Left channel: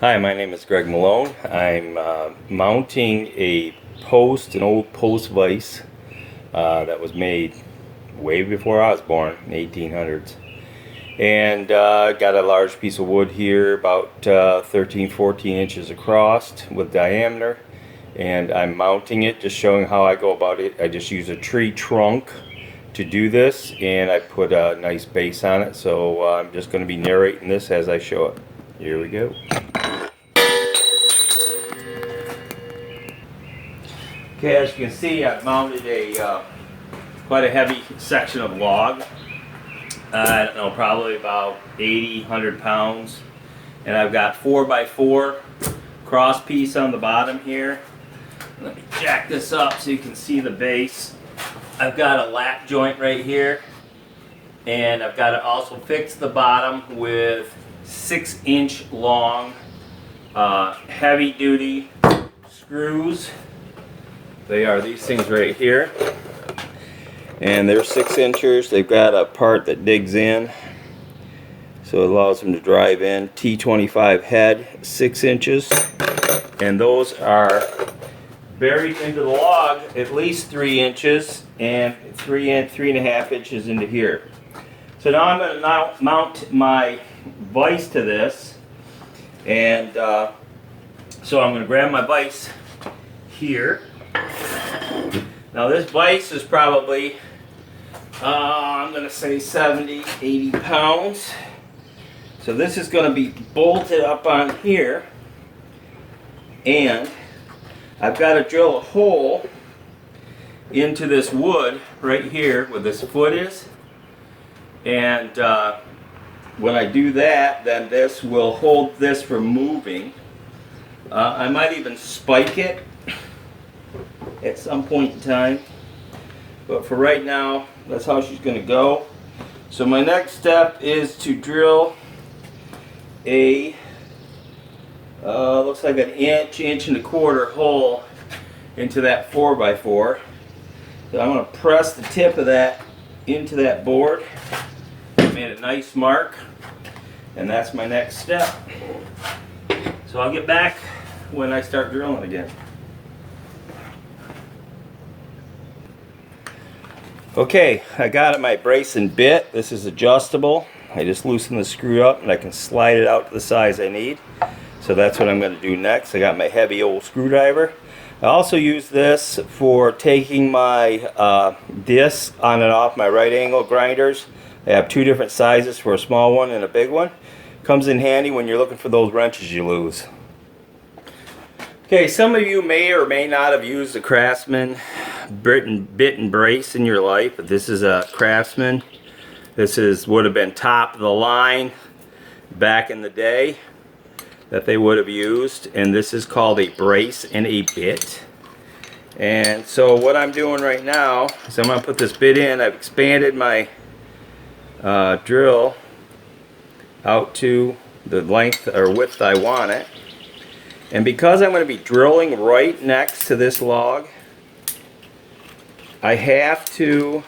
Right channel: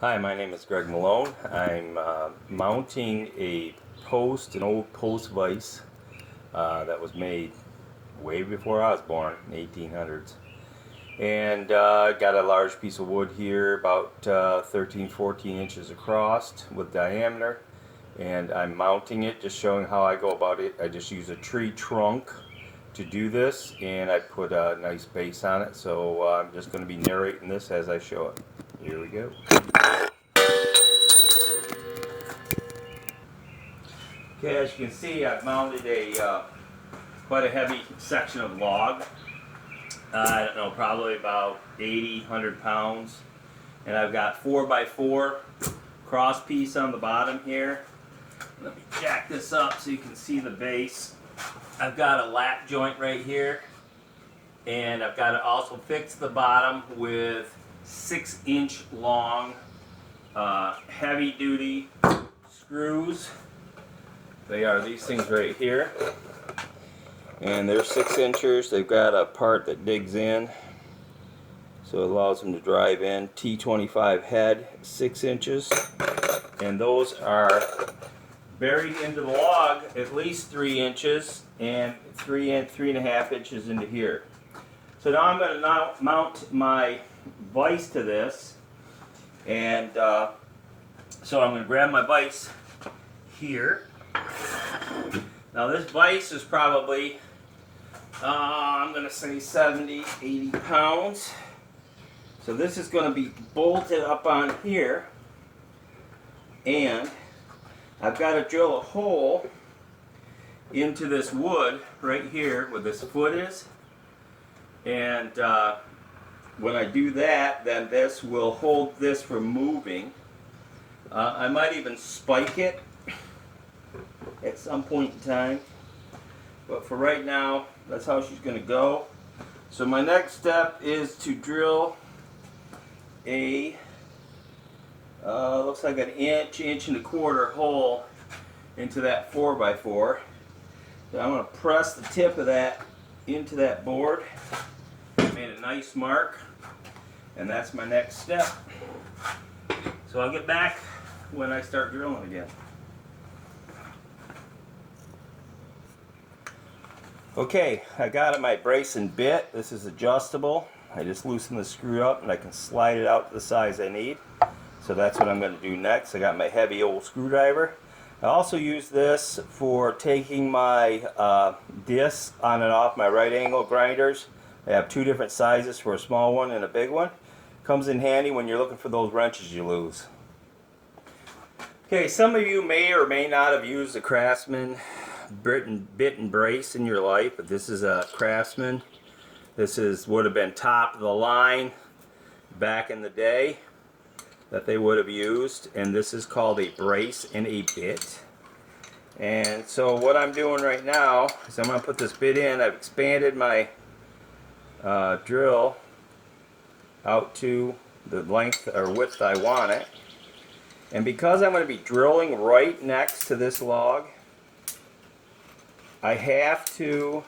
Hi, my name is Greg Malone. I'm mounting an old post vise that was made way before I was born, in the 1800s. And got a large piece of wood here, about 13, 14 inches across with diameter. And I'm mounting it, just showing how I go about it. I just use a tree trunk to do this, and I put a nice base on it. So I'm just going to be narrating this as I show it. Here we go. Okay, as you can see, I've mounted quite a heavy section of log. I don't know, probably about 80, 100 pounds. And I've got 4x4 cross piece on the bottom here. Let me jack this up so you can see the base. I've got a lap joint right here. And I've got to also fix the bottom with 6-inch long heavy duty screws. They are these things right here, and they're 6 inchers. They've got a part that digs in, so it allows them to drive in. T25 head, 6 inches, and those are buried into the log at least 3 inches and 3.5 inches into here. So now I'm going to mount my vise to this, and so I'm going to grab my vise here. Now this vise is probably, I'm going to say 70, 80 pounds. So this is going to be bolted up on here. And I've got to drill a hole into this wood right here where this foot is. And when I do that, then this will hold this from moving. I might even spike it at some point in time, but for right now, that's how she's going to go. So my next step is to drill a looks like an inch and a quarter hole into that 4x4. So I'm going to press the tip of that into that board. Made a nice mark, and that's my next step. So I'll get back when I start drilling again. Okay, I got my brace and bit. This is adjustable. I just loosen the screw up and I can slide it out to the size I need. So that's what I'm going to do next. I got my heavy old screwdriver. I also use this for taking my discs on and off my right angle grinders. I have two different sizes for a small one and a big one. Comes in handy when you're looking for those wrenches you lose. Okay, some of you may or may not have used a Craftsman bit and brace in your life, but this is a Craftsman. This would have been top of the line back in the day that they would have used, and this is called a brace and a bit. And so what I'm doing right now is I'm going to put this bit in. I've expanded my drill out to the length or width I want it. And because I'm going to be drilling right next to this log, I have to,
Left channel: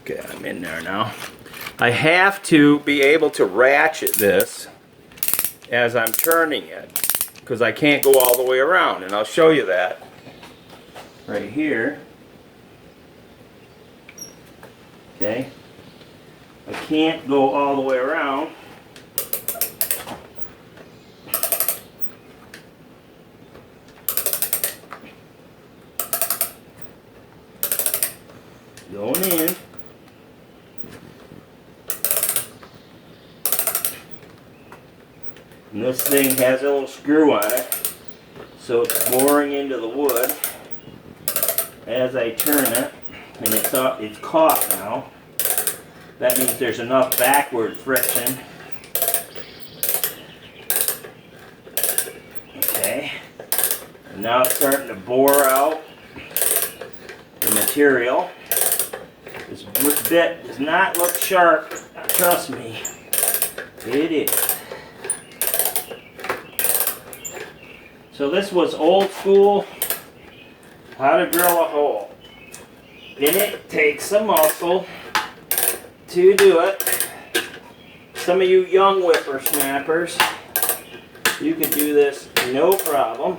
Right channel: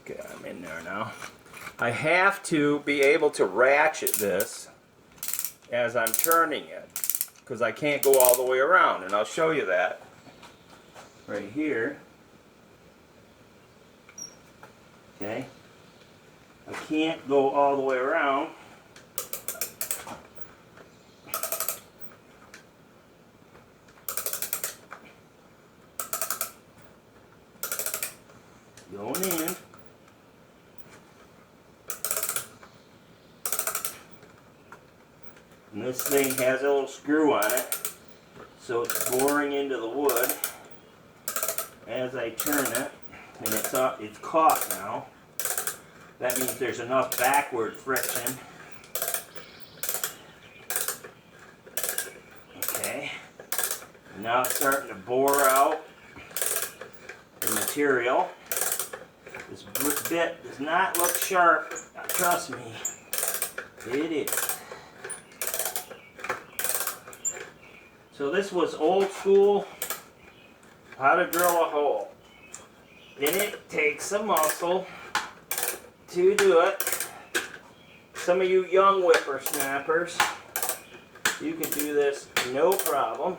okay, I'm in there now. I have to be able to ratchet this as I'm turning it, because I can't go all the way around, and I'll show you that right here. Okay, I can't go all the way around. Going in. And this thing has a little screw on it, so it's boring into the wood as I turn it, and it's caught now. That means there's enough backward friction. Okay, and now it's starting to bore out the material. This bit does not look sharp, trust me, it is. So this was old school, how to drill a hole. And it takes some muscle to do it. Some of you young whippersnappers You can do this no problem.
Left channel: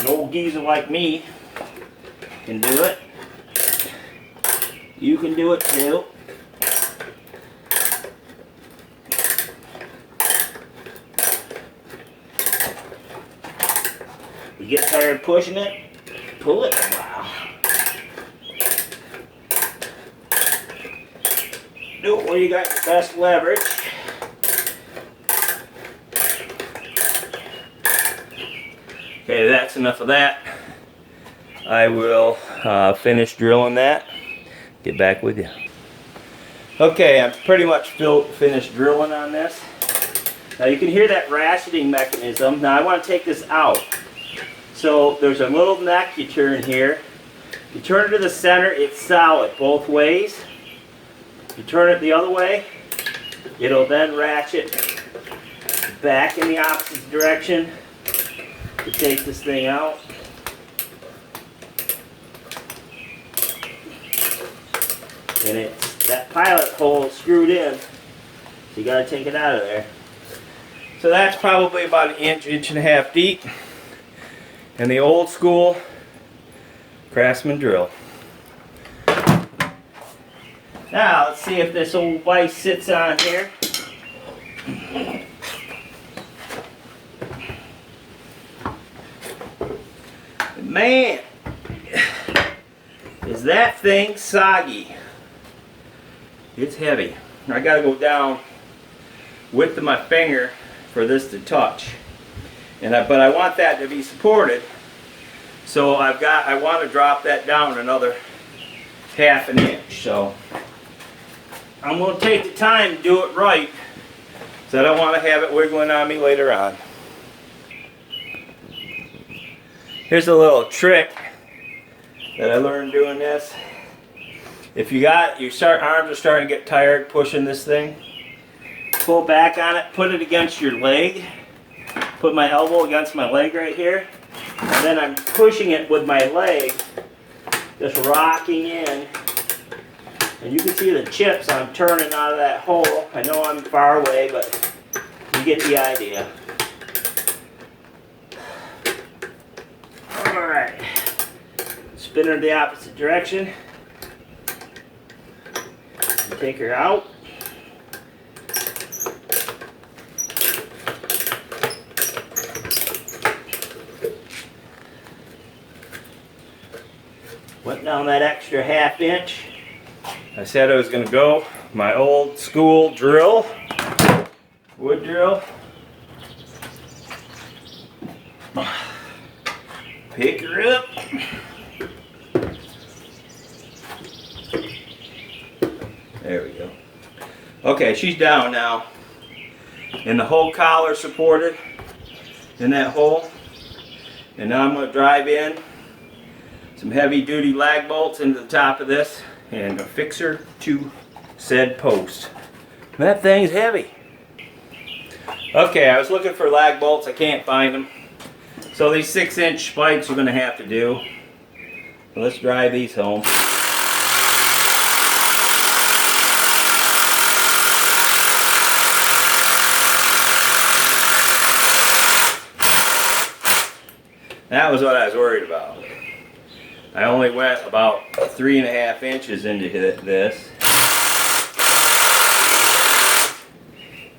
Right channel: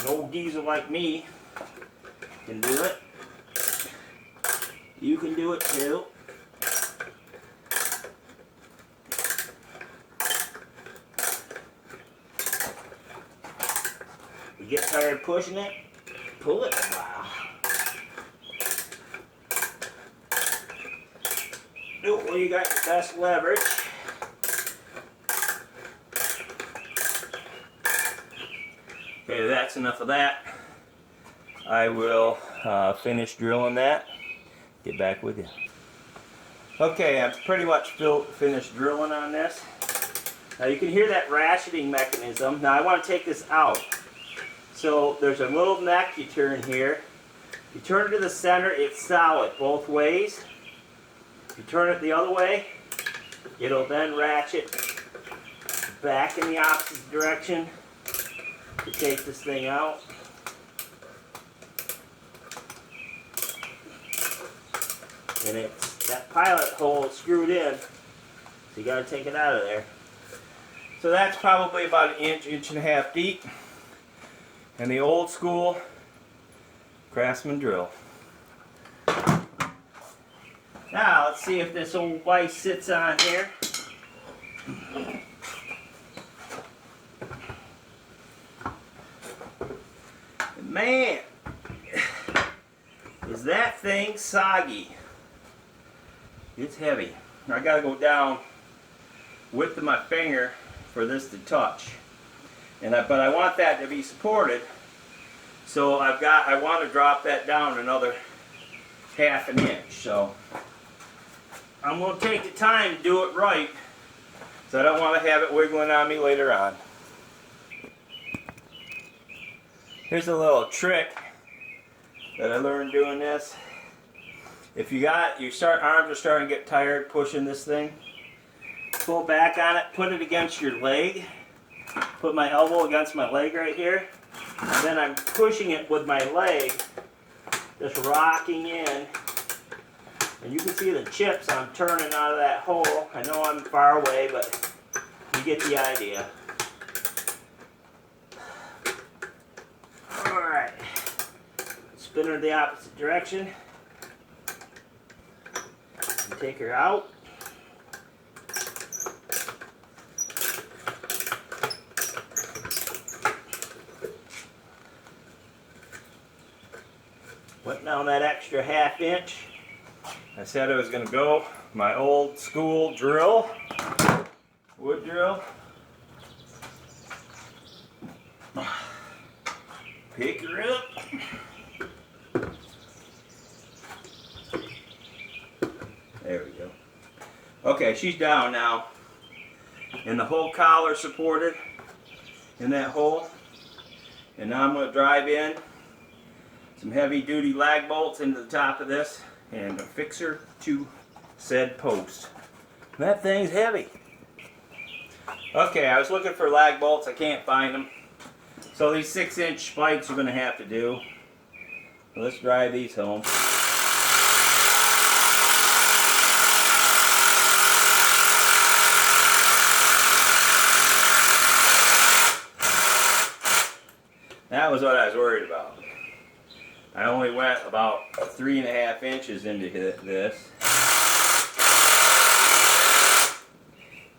An old geezer like me can do it. You can do it too. You get tired pushing it, pull it a while. Do it where you got your best leverage. Okay, that's enough of that. I will finish drilling that. Get back with you. Okay, I'm pretty much finished drilling on this. Now you can hear that ratcheting mechanism. Now I want to take this out. So there's a little neck you turn here. You turn it to the center, it's solid both ways. You turn it the other way, it'll then ratchet back in the opposite direction to take this thing out. And it's that pilot hole screwed in, so you got to take it out of there. So that's probably about an inch, inch and a half deep. And the old school Craftsman drill. Now let's see if this old vise sits on here. Man, is that thing soggy. It's heavy. I gotta go down width of my finger for this to touch. But I want that to be supported, so I want to drop that down another half an inch. So I'm going to take the time to do it right, so I don't want to have it wiggling on me later on. Here's a little trick that I learned doing this. If your arms are starting to get tired pushing this thing, pull back on it, put it against your leg. Put my elbow against my leg right here, and then I'm pushing it with my leg, just rocking in. And you can see the chips I'm turning out of that hole. I know I'm far away, but you get the idea. Alright, spin her the opposite direction. Take her out. Went down that extra half inch. I said I was going to go my old school drill, wood drill. Pick her up. There we go. Okay, she's down now. And the whole collar supported in that hole. And now I'm going to drive in some heavy duty lag bolts into the top of this and affix her to said post. That thing's heavy. Okay, I was looking for lag bolts, I can't find them. So these 6-inch spikes are going to have to do. So let's drive these home. That was what I was worried about. I only went about 3.5 inches into this,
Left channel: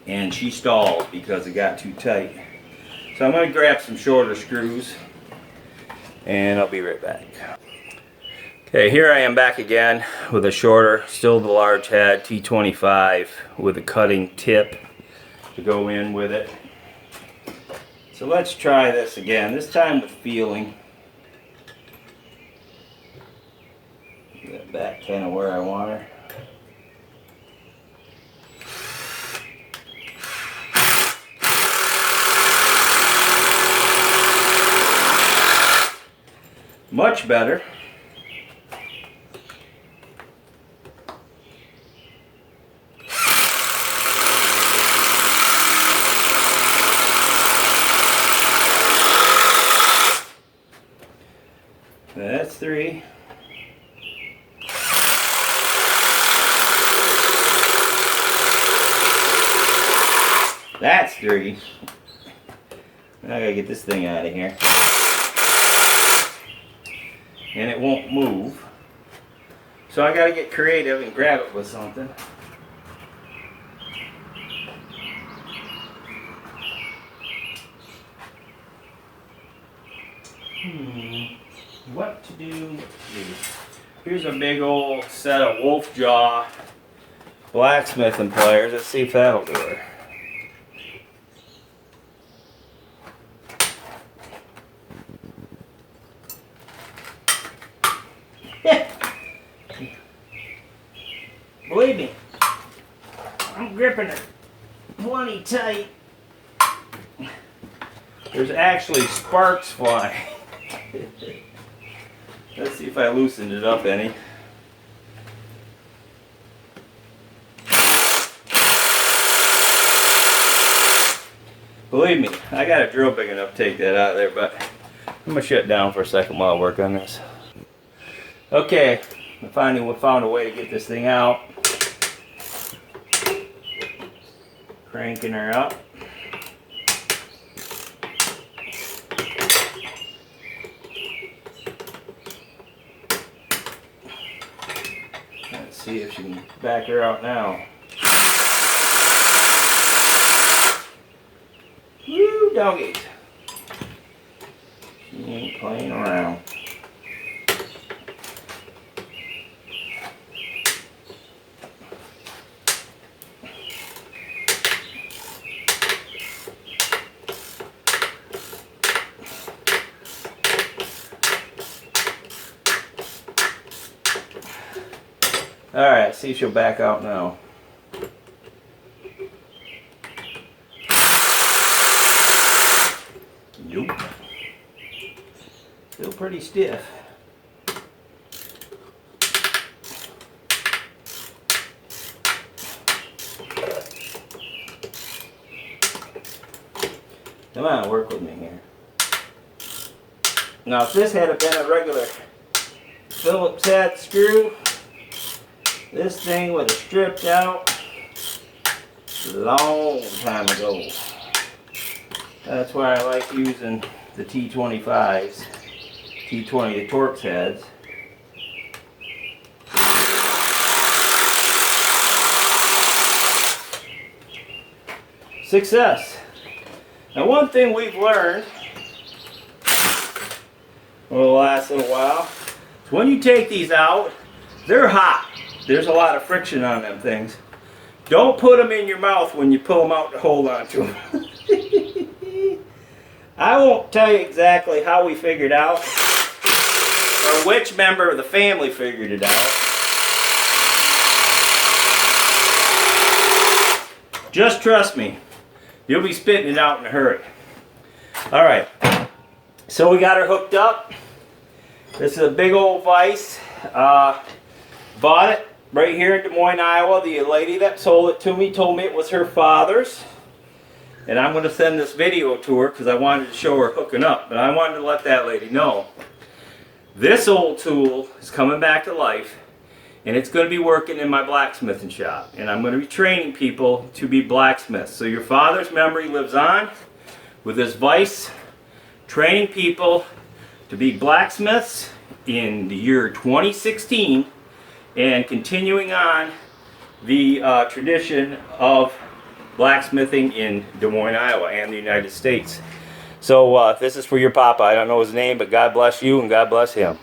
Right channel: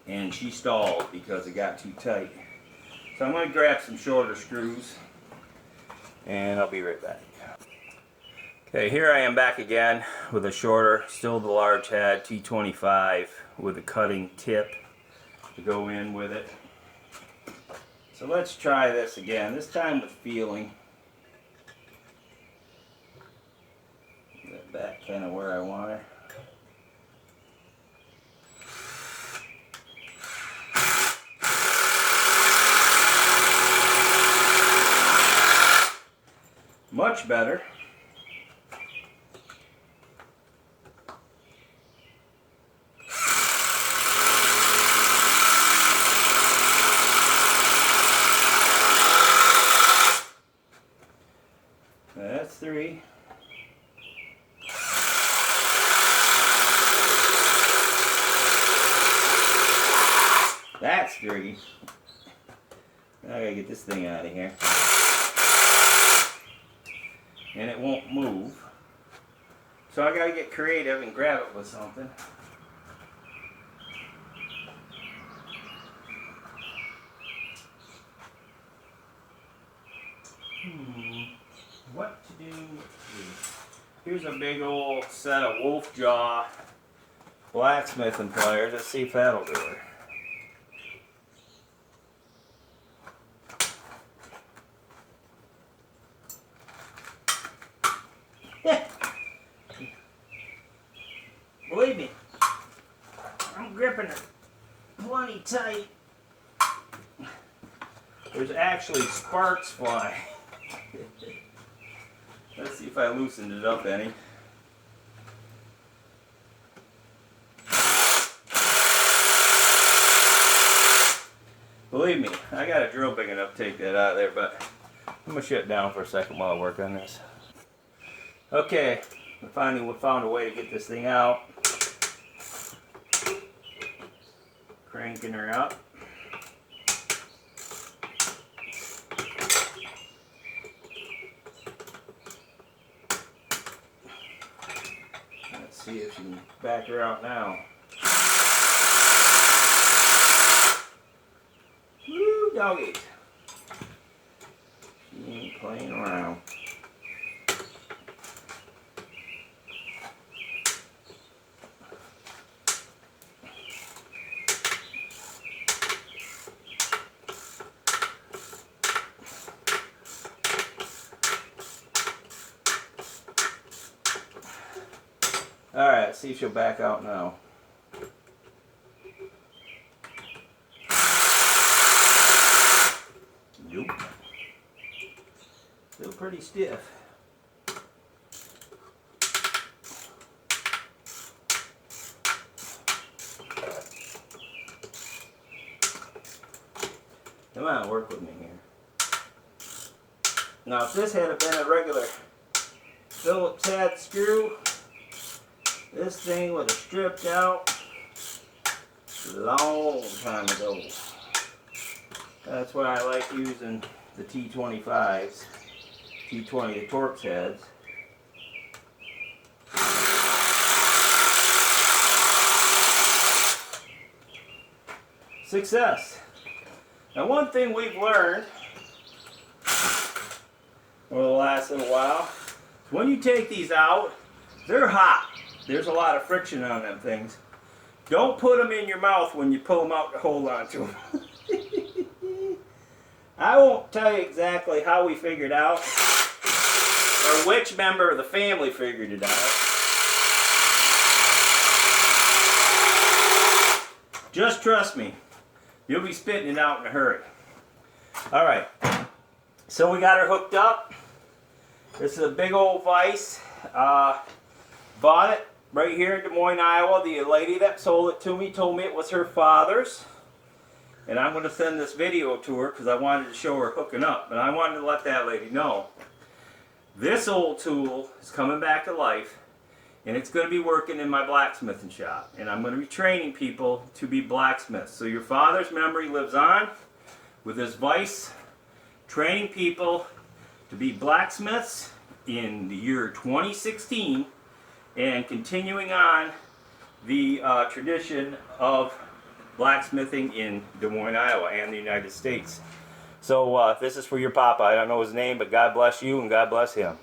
and she stalled because it got too tight. So I'm going to grab some shorter screws, and I'll be right back. Okay, here I am back again with a shorter, still the large head T25 with a cutting tip to go in with it. So let's try this again, this time with feeling. Get back kind of where I want her. Much better. That's 3. That's dirty. Now I gotta get this thing out of here. And it won't move. So I gotta get creative and grab it with something. What to do? Here's a big old set of wolf jaw blacksmithing pliers. Let's see if that'll do it. Believe me, I'm gripping it plenty tight. There's actually sparks flying. Let's see if I loosened it up any. Believe me, I got a drill big enough to take that out of there, but I'm going to shut it down for a second while I work on this. Okay, I finally found a way to get this thing out. Cranking her up. Let's see if she can back her out now. Woo, doggies. She ain't playing around. Alright, see if she'll back out now. Nope. Still pretty stiff. Come on, work with me here. Now if this had been a regular Phillips head screw, this thing would have stripped out a long time ago. That's why I like using the T25s, T20, the Torx heads. Success. Now one thing we've learned over the last little while is when you take these out, they're hot. There's a lot of friction on them things. Don't put them in your mouth when you pull them out to hold on to them. I won't tell you exactly how we figured out or which member of the family figured it out. Just trust me. You'll be spitting it out in a hurry. Alright. So we got her hooked up. This is a big old vise. Bought it right here in Des Moines, Iowa. The lady that sold it to me told me it was her father's. And I'm going to send this video to her because I wanted to show her hooking up. But I wanted to let that lady know. This old tool is coming back to life. And it's going to be working in my blacksmithing shop. And I'm going to be training people to be blacksmiths. So your father's memory lives on with this vise. Training people to be blacksmiths in the year 2016. And continuing on the tradition of blacksmithing in Des Moines, Iowa and the United States. So this is for your papa. I don't know his name, but God bless you and God bless him.